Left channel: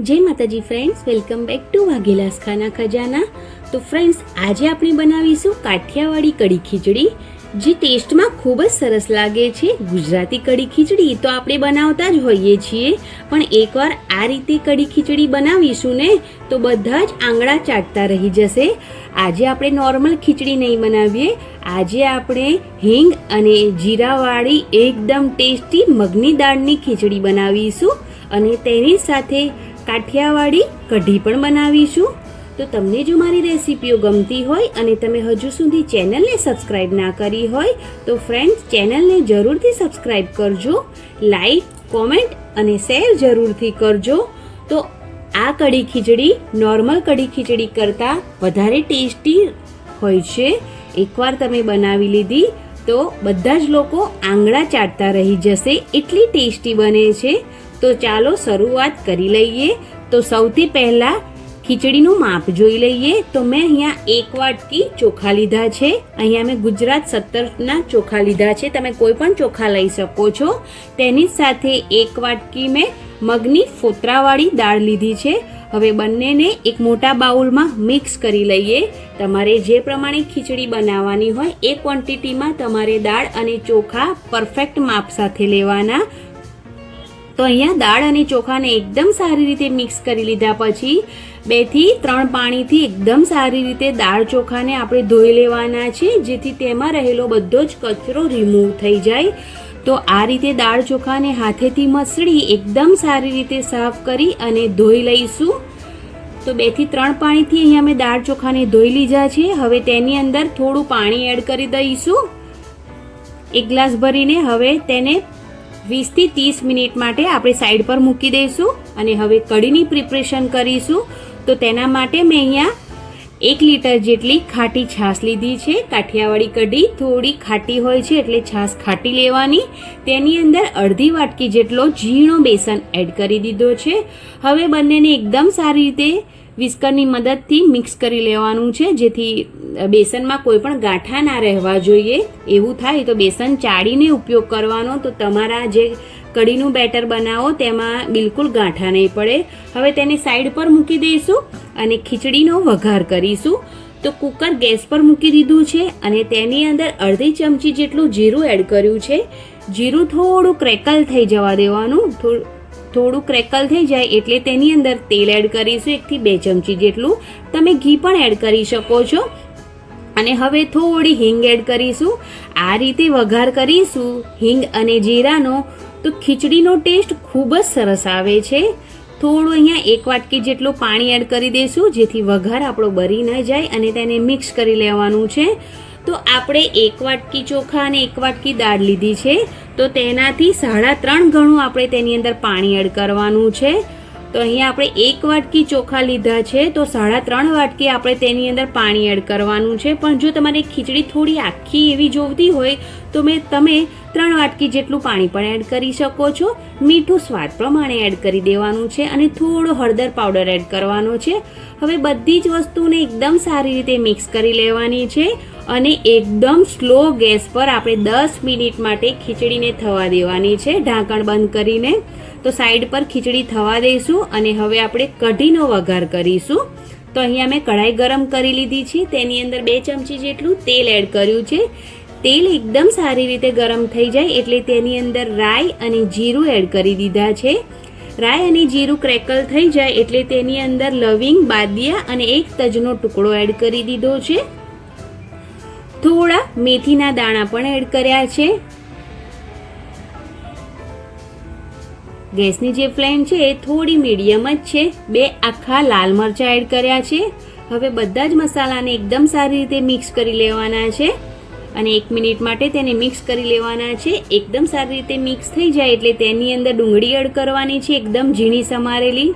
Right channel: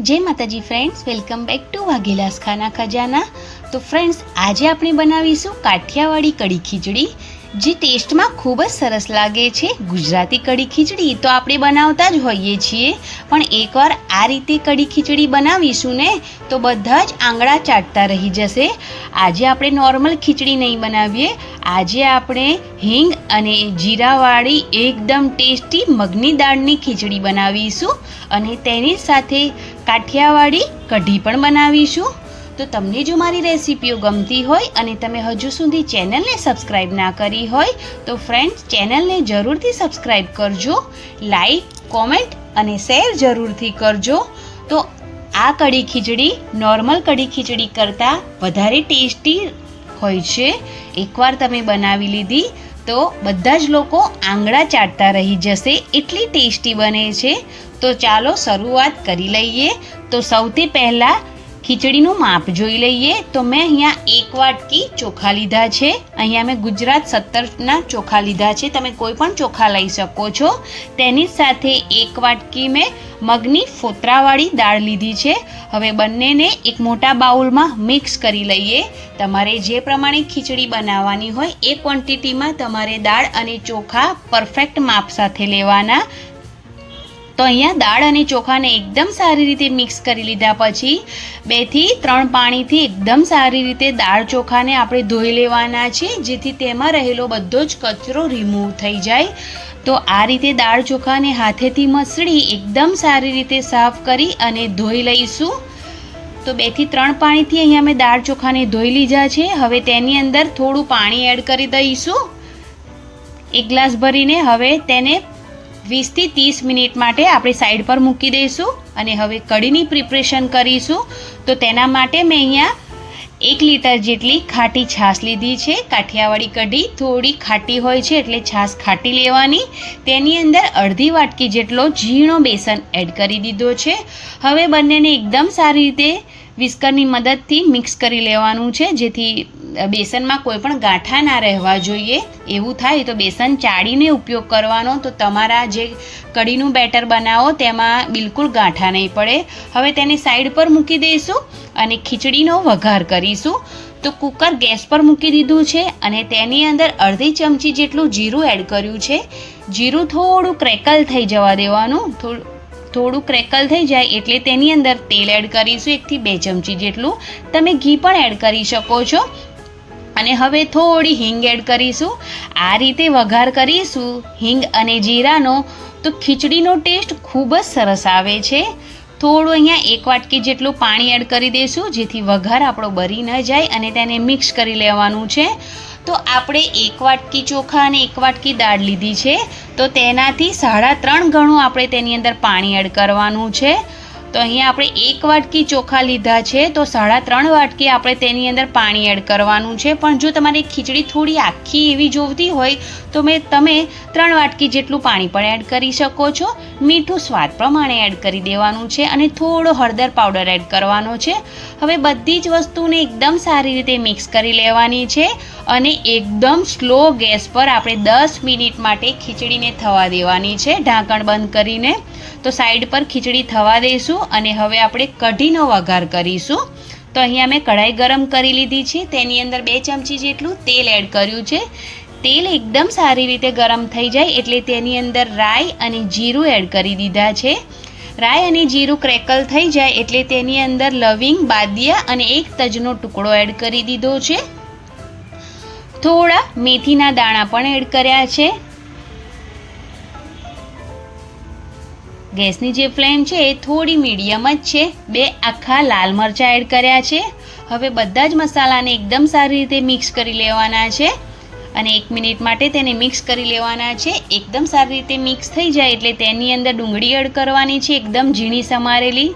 जय माताजी friends, welcome back to वाघेलास खाना खजाना। तो फ्रेंड्स, आज આપણે બનાવીશું કાઠિયાવાડી કઢી ખીચડી, જે ટેસ્ટમાં ખૂબ જ સરસ લાગે છે। ગુજરાતી કઢી ખીચડી તો આપણે બનાવતા જ હોઈએ છીએ, પણ એકવાર આ રીતે કઢી ખીચડી બનાવીશું ને તો બધા જ આંગળા ચાટતા રહી જશે। આજે આપણે નોર્મલ ખીચડી નહીં બનાવીએ, આજે આપણે હિંગ અને જીરાવાળી એકદમ ટેસ્ટી મગની દાળની ખીચડી બનાવીશું અને તેની સાથે કાઠિયાવાડી કઢી પણ બનાવીશું। તો તમને જો મારી રેસીપીઓ ગમતી હોય અને તમે હજુ સુધી ચેનલને સબસ્ક્રાઈબ ના કરી હોય તો ફ્રેન્ડ્સ, ચેનલને જરૂરથી સબસ્ક્રાઈબ કરજો, લાઈક, કોમેન્ટ અને શેર જરૂરથી કરજો। તો આ કઢી ખીચડી નોર્મલ કઢી ખીચડી કરતાં વધારે ટેસ્ટી હોય છે। એકવાર તમે બનાવી લીધી તો બધા જ લોકો આંગળા ચાટતા રહી જશે, એટલી ટેસ્ટી બને છે। તો ચાલો શરૂઆત કરી લઈએ। તો સૌથી પહેલાં ખીચડીનું માપ જોઈ લઈએ। તો મેં અહીંયા 1 વાટકી ચોખા લીધા છે। અહીંયા મેં ગુજરાત 17ના ચોખા લીધા છે, તમે કોઈ પણ ચોખા લઈ શકો છો। તેની સાથે 1 વાટકી મેં મગની ફોતરાવાળી દાળ લીધી છે। હવે બંનેને એક મોટા બાઉલમાં મિક્સ કરી લઈએ। તમારે જે પ્રમાણે ખીચડી બનાવવાની હોય એ ક્વોન્ટિટીમાં તમારે દાળ અને ચોખા પરફેક્ટ માપ સાથે લેવાના। તો અહીંયા દાળ અને ચોખાને એકદમ સારી રીતે મિક્સ કરી લીધા પછી 2 થી 3 પાણીથી એકદમ સારી રીતે દાળ ચોખાને આપણે ધોઈ લેવાના છે, જેથી તેમાં રહેલો બધો જ કચરો રિમૂવ થઈ જાય। તો આ રીતે દાળ ચોખાને હાથેથી મસળી એકદમ સારી રીતે સાફ કરી અને ધોઈ લઈશું। તો 2 થી 3 પાણીથી અહીંયા મેં દાળ ચોખાને ધોઈ લીધા છે। હવે તેની અંદર થોડું પાણી એડ કરી દઈશું, 1 ગ્લાસ ભરીને। હવે તેને 20 થી 30 મિનિટ માટે આપણે સાઈડ પર મૂકી દઈશું અને હવે કઢીની પ્રિપરેશન કરીશું। તો તેના માટે મેં અહીંયા 1 લીટર જેટલી ખાટી છાશ લીધી છે। કાઠિયાવાડી કઢી થોડી ખાટી હોય છે એટલે છાશ ખાટી લેવાની। તેની અંદર અડધી વાટકી જેટલો ઝીણો બેસન એડ કરી દીધો છે। હવે બંનેને એકદમ સારી રીતે વિસ્કરની મદદથી મિક્સ કરી લેવાનું છે, જેથી બેસનમાં કોઈ પણ ગાંઠા ના રહેવા જોઈએ। એવું થાય તો બેસન ચાળીને ઉપયોગ કરવાનો, તો તમારા જે કઢીનું બેટર બનાવો તેમાં બિલકુલ ગાંઠા નહીં પડે। હવે તેને સાઈડ પર મૂકી દઈશું અને ખીચડીનો વઘાર કરીશું। તો કુકર ગેસ પર મૂકી દીધું છે અને તેની અંદર અડધી ચમચી જેટલું જીરું એડ કર્યું છે। જીરું થોડું ક્રેકલ થઈ જવા દેવાનું। થોડું ક્રેકલ થઈ જાય એટલે તેની અંદર તેલ એડ કરીશું, 1 થી 2 ચમચી જેટલું। તમે ઘી પણ એડ કરી શકો છો। અને હવે થોડી હિંગ એડ કરીશું। આ રીતે વઘાર કરીશું હિંગ અને જીરાનો તો ખીચડીનો ટેસ્ટ ખૂબ જ સરસ આવે છે। થોડું અહીંયા 1 વાટકી જેટલું પાણી એડ કરી દઈશું, જેથી વઘાર આપણો બળી ન જાય અને તેને મિક્સ કરી લેવાનું છે। તો આપણે 1 વાટકી ચોખા અને 1 વાટકી દાળ લીધી છે, તો તેનાથી 3.5 ગણું આપણે તેની અંદર પાણી એડ કરવાનું છે। તો અહીંયા આપણે 1 વાટકી ચોખા લીધા છે, તો 3.5 વાટકી આપણે તેની અંદર પાણી એડ કરવાનું છે। પણ જો તમારે ખીચડી થોડી આખી એવી જોઈતી હોય તો તમે 3 વાટકી જેટલું પાણી પણ એડ કરી શકો છો। મીઠું સ્વાદ પ્રમાણે એડ કરી દેવાનું છે અને થોડો હળદર પાવડર એડ કરવાનો છે। હવે બધી જ વસ્તુને એકદમ સારી રીતે મિક્સ કરી લેવાની છે અને એકદમ સ્લો ગેસ પર આપણે 10 મિનિટ માટે ખીચડીને થવા દેવાની છે, ઢાંકણ બંધ કરીને। તો સાઈડ પર ખીચડી થવા દઈશું અને હવે આપણે કઢીનો વઘાર કરીશું। તો અહીંયા મેં કઢાઈ ગરમ કરી લીધી છે, તેની અંદર 2 ચમચી જેટલું તેલ એડ કર્યું છે। તેલ એકદમ સારી રીતે ગરમ થઈ જાય એટલે તેની અંદર રાઈ અને જીરું એડ કરી દીધા છે। રાઈ અને જીરું ક્રેકલ થઈ જાય એટલે તેની અંદર લવિંગ, બાદિયા અને 1 તજનો ટુકડો એડ કરી દીધો છે। થોડા મેથીના દાણા પણ એડ કર્યા છે। ગેસની જે ફ્લેમ છે એ થોડી મીડિયમ જ છે। 2 આખા લાલ મરચાં એડ કર્યા છે। હવે બધા જ મસાલાને એકદમ સારી રીતે મિક્સ કરી લેવાના છે અને 1 મિનિટ માટે તેને મિક્સ કરી લેવાના છે। એકદમ સારી રીતે મિક્સ થઈ જાય એટલે તેની અંદર ડુંગળી એડ કરવાની છે, એકદમ ઝીણી સમારેલી।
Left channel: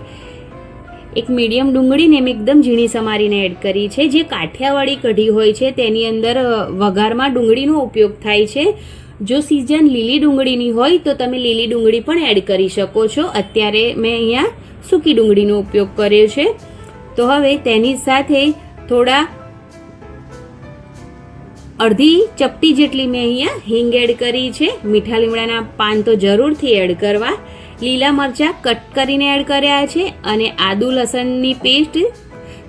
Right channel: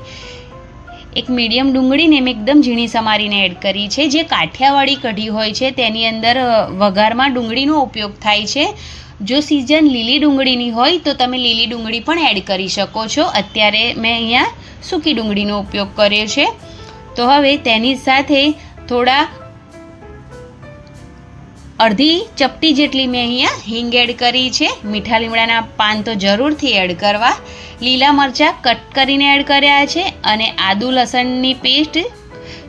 એક મીડિયમ ડુંગળીને મેં એકદમ ઝીણી સમારીને એડ કરી છે। જે કાઠિયાવાડી કઢી હોય છે તેની અંદર વઘારમાં ડુંગળીનો ઉપયોગ થાય છે। જો સિઝન લીલી ડુંગળીની હોય તો તમે લીલી ડુંગળી પણ એડ કરી શકો છો। અત્યારે મેં અહીંયા સૂકી ડુંગળીનો ઉપયોગ કર્યો છે। તો હવે તેની સાથે થોડા અડધી ચપટી જેટલી મેં અહીંયા હિંગ એડ કરી છે। મીઠા લીમડાના પાન તો જરૂરથી એડ કરવા। લીલા મરચાં કટ કરીને એડ કર્યા છે અને આદુ લસણની પેસ્ટ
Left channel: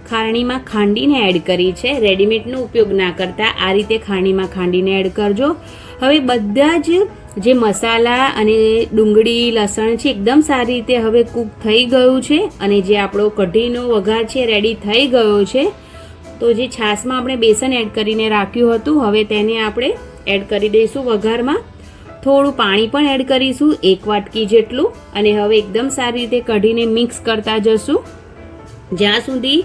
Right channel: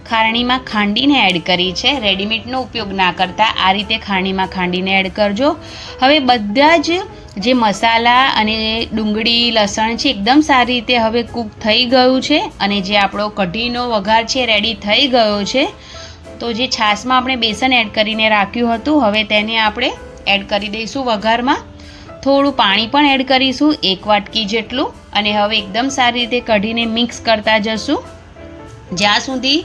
ખારણીમાં ખાંડીને એડ કરી છે. રેડીમેડનો ઉપયોગ ના કરતા આ રીતે ખારણીમાં ખાંડીને એડ કરજો. હવે બધા જ જે મસાલા અને ડુંગળી લસણ છે એકદમ સારી રીતે હવે કૂક થઈ ગયું છે અને જે આપણો કઢીનો વઘાર છે રેડી થઈ ગયો છે. તો જે છાશમાં આપણે બેસન એડ કરીને રાખ્યું હતું હવે તેને આપણે એડ કરી દઈશું વઘારમાં. થોડું પાણી પણ એડ કરીશું 1 વાટકી જેટલું અને હવે એકદમ સારી રીતે કઢીને મિક્સ કરતા જશું જ્યાં સુધી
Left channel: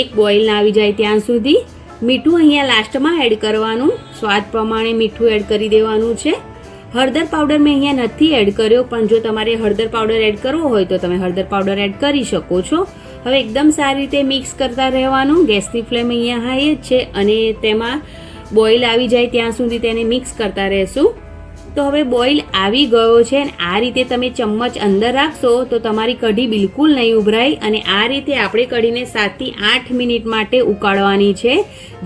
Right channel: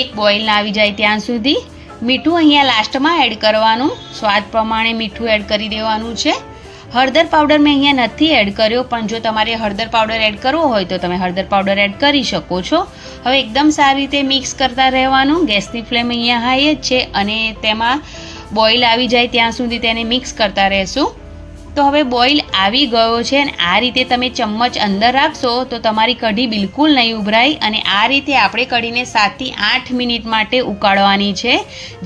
એક બોઇલ ના આવી જાય ત્યાં સુધી. મીઠું અહીંયા લાસ્ટમાં એડ કરવાનું, સ્વાદ પ્રમાણે મીઠું એડ કરી દેવાનું છે. હળદર પાવડર મેં અહીંયા નથી એડ કર્યો, પણ જો તમારે હળદર પાવડર એડ કરવો હોય તો તમે હળદર પાવડર એડ કરી શકો છો. હવે એકદમ સારી રીતે મિક્સ કરતા રહેવાનું. ગેસની ફ્લેમ અહીંયા હાઈ જ છે અને તેમાં બોઇલ આવી જાય ત્યાં સુધી તેને મિક્સ કરતા રહેશું. તો હવે બોઇલ આવી ગયો છે અને આ રીતે તમે ચમચ અંદર રાખશો તો તમારી કઢી બિલકુલ નહીં ઉભરાય અને આ રીતે આપણે કઢીને 7 થી 8 મિનિટ માટે ઉકાળવાની છે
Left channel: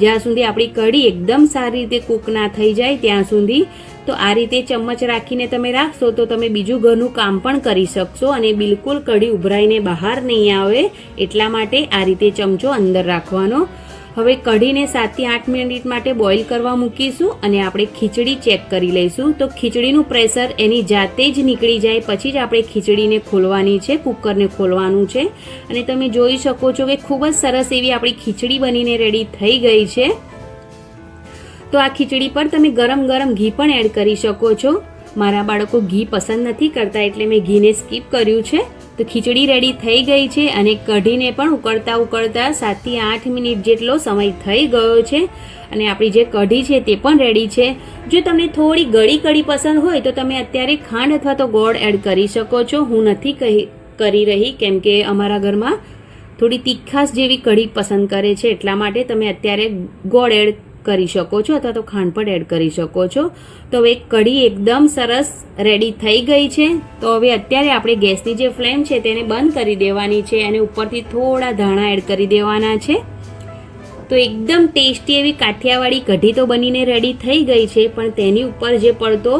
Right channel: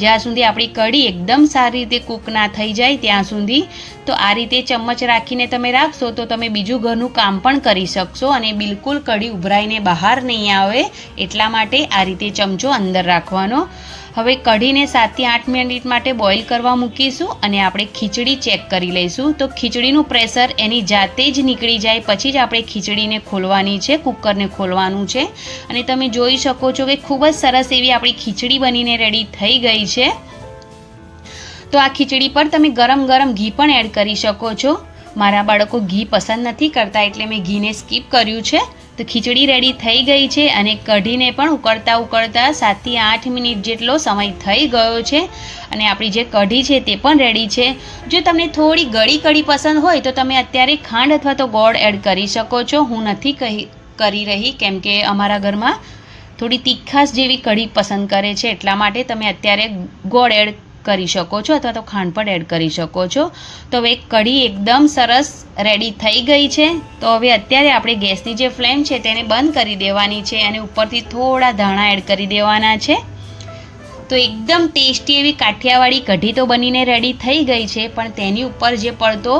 જ્યાં સુધી આપણી કઢી એકદમ સારી રીતે કૂક ના થઈ જાય ત્યાં સુધી. તો આ રીતે ચમચ રાખીને તમે રાખશો તો તમે બીજું ઘરનું કામ પણ કરી શકશો અને બિલકુલ કઢી ઉભરાઈને બહાર નહીં આવે એટલા માટે આ રીતે ચમચો અંદર રાખવાનો. હવે કઢીને 7 થી 8 મિનિટ માટે બોઇલ કરવા મૂકીશું અને આપણે ખીચડી ચેક કરી લઈશું. તો ખીચડીનું પ્રેશર એની જાતે જ નીકળી જાય પછી જ આપણે ખીચડીને ખોલવાની છે, કુકરને ખોલવાનું છે. અને તમે જોઈ શકો છો કે ખૂબ જ સરસ એવી આપણી ખીચડી બનીને રેડી થઈ ગઈ છે. તો આ ખીચડી પર તમે ગરમ ગરમ ઘી પણ એડ કરી શકો છો. મારા બાળકો ઘી પસંદ નથી કરતા એટલે મેં ઘીને સ્કીપ કર્યું છે. તો ખીચડી રેડી થઈ ગઈ છે અને કઢીને પણ ઉકળતા 7 થી 8 મિનિટ જેટલો સમય થઈ ગયો છે અને આપણી જે કઢી છે તે પણ રેડી છે. જો તમને થોડી ગળી કઢી પસંદ હોય તો તમે અત્યારે ખાંડ અથવા તો ગોળ એડ કરી શકો છો. હું નથી કરી રહી કેમ કે અમારા ઘરમાં થોડી તીખાશ જેવી કઢી પસંદ કરે છે એટલા માટે તમે અત્યારે ગોળ એડ કરી શકો છો અથવા તો ખાંડ પણ એડ કરી શકો છો. તો હવે કઢી એકદમ સરસ રેડી થઈ ગઈ છે. તો હવે અત્યારે આપણે ગેસની જે ફ્લેમ છે તેને બંધ કરી દેવાની છે અને ઉપરથી થોડા ધાણા એડ કરી દેવાના છે. તો એકદમ ટેસ્ટી એવી કાઠિયાવાડી કઢી તો બનીને રેડી થઈ ગઈ છે પણ તેની ઉપર જે પડતો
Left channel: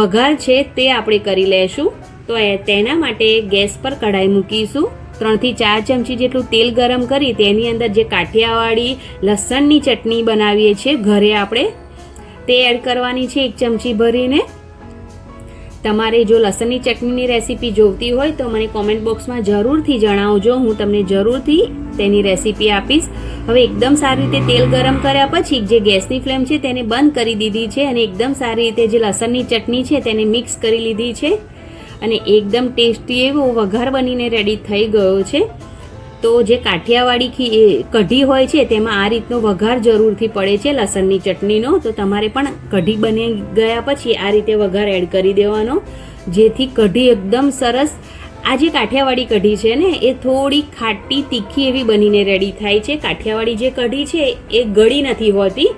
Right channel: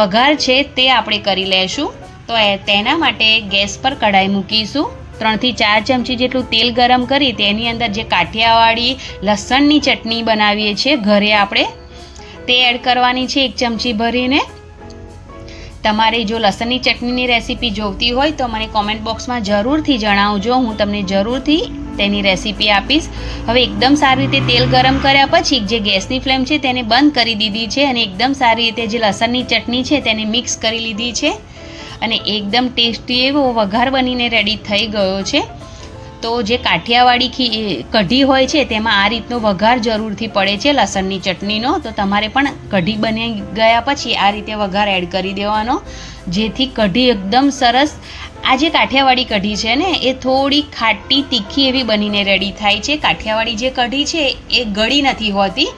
વઘાર છે તે આપણે કરી લેશું. તો તેના માટે ગેસ પર કઢાઈ મૂકીશું. 3 થી 4 ચમચી જેટલું તેલ ગરમ કરી તેની અંદર જે કાઠિયાવાડી લસણની ચટણી બનાવીએ છીએ ઘરે આપણે તે એડ કરવાની છે 1 ચમચી ભરીને. તમારે જો લસણની ચટણીની રેસીપી જોઈતી હોય તો મને કોમેન્ટ બોક્સમાં જરૂરથી જણાવજો, હું તમને જરૂરથી તેની રેસીપી આપીશ. હવે એકદમ સારી રીતે તેલ ગરમ કર્યા પછી જે ગેસની ફ્લેમ છે તેને બંધ કરી દીધી છે અને એકદમ સારી રીતે જે લસણની ચટણી છે તેને મિક્સ કરી લીધી છે અને એકદમ ટેસ્ટી એવો વઘાર બનીને રેડી થઈ ગયો છે. તો જે કાઠિયાવાડી કઢી હોય છે તેમાં આ રીતનો વઘાર જરૂરથી પડે છે લસણની ચટણીનો. તો તમારે પણ કઢી બની ગયા પછી આ રીતે વઘાર એડ કરી દેવાનો જેથી કઢી એકદમ સરસ. આ જે કાઠિયાવાડી કઢી છે ને એ થોડી ખાટી તીખી એવી બનીને રેડી થાય છે. કાઠિયાવાડી જે કઢી છે એ ગળી નથી હોતી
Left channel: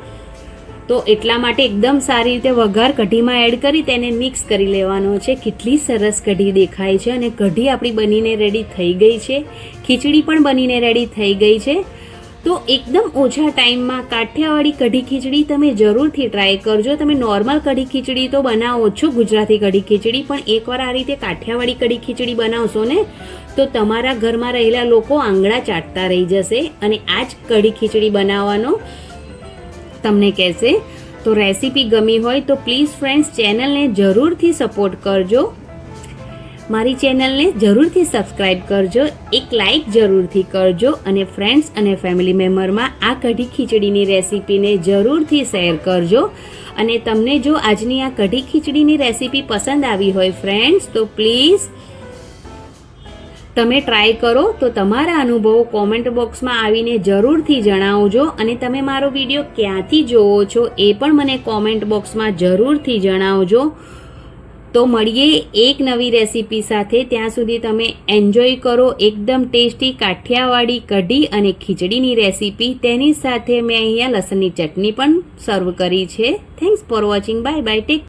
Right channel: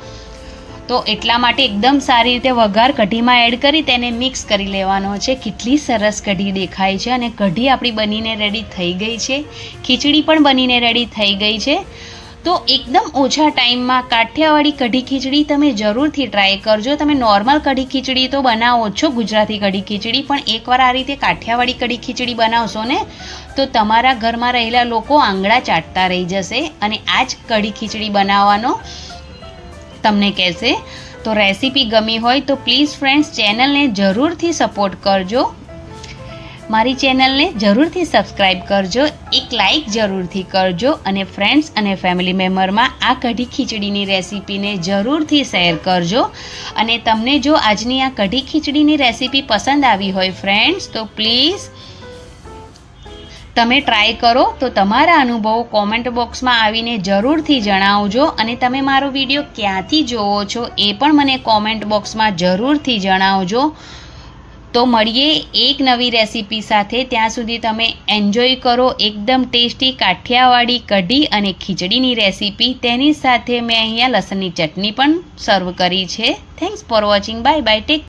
તો એટલા માટે એકદમ સારી રીતે વઘાર કઢીમાં એડ કરી તેને મિક્સ કરી લેવાનો છે. કેટલી સરસ કઢી દેખાય છે અને કઢી આપણી બનીને રેડી થઈ ગઈ છે. ખીચડી પણ બનીને રેડી થઈ ગઈ છે. તો એકદમ ઓછા ટાઈમમાં કાઠિયાવાડી કઢી ખીચડી તમે જરૂરથી ટ્રાય કરજો. તમે નોર્મલ કઢી ખીચડી તો બનાવો છો, ગુજરાતી કઢી ખીચડી, પણ એકવાર આ રીતે કાઠિયાવાડી કઢી ખીચડી બનાવશો ને તો તમારા ઘરમાં રહેલા લોકો આંગળા ચાટતા રહી જશે અને આ જ કઢી ખીચડી બનાવવાનો તમને કહેશે. તો રેસીપી ગમી હોય તો પ્લીઝ ફ્રેન્ડ્સ ચેનલને જરૂરથી સપોર્ટ કરજો, મારી ચેનલને જરૂરથી સબસ્ક્રાઈબ કરજો, એક લાઈક જરૂરથી કરજો અને ફ્રેન્ડ્સ અને ફેમિલી મેમ્બરમાં આ કઢી ખીચડીની રેસીપીને જરૂરથી શેર કરજો. અને તમને જો આજની આ કઢી ખીચડીની રેસીપી પસંદ આવી હોય ફ્રેન્ડ્સ તો પ્લીઝ તમે ટ્રાય કરો. તો તમારા અનુભવો કોમેન્ટ બોક્સમાં આવીને જરૂરથી જણાવજો અને તમે મારો વિડીયો ક્યાંથી જોવો છો એ પણ મને કોમેન્ટ બોક્સમાં જરૂરથી જણાવજો. તો મળીએ એક નવી રેસીપી સાથે. ત્યાં સુધી તમે એન્જોય કરો એકદમ ટેસ્ટી કાઠિયાવાડી કઢી અને ખીચડીની રેસીપી. તેની સાથે મેં અહીંયા લસણની ચટણી પણ સર્વ કરી છે. Thanks for watching. Bye bye. Tech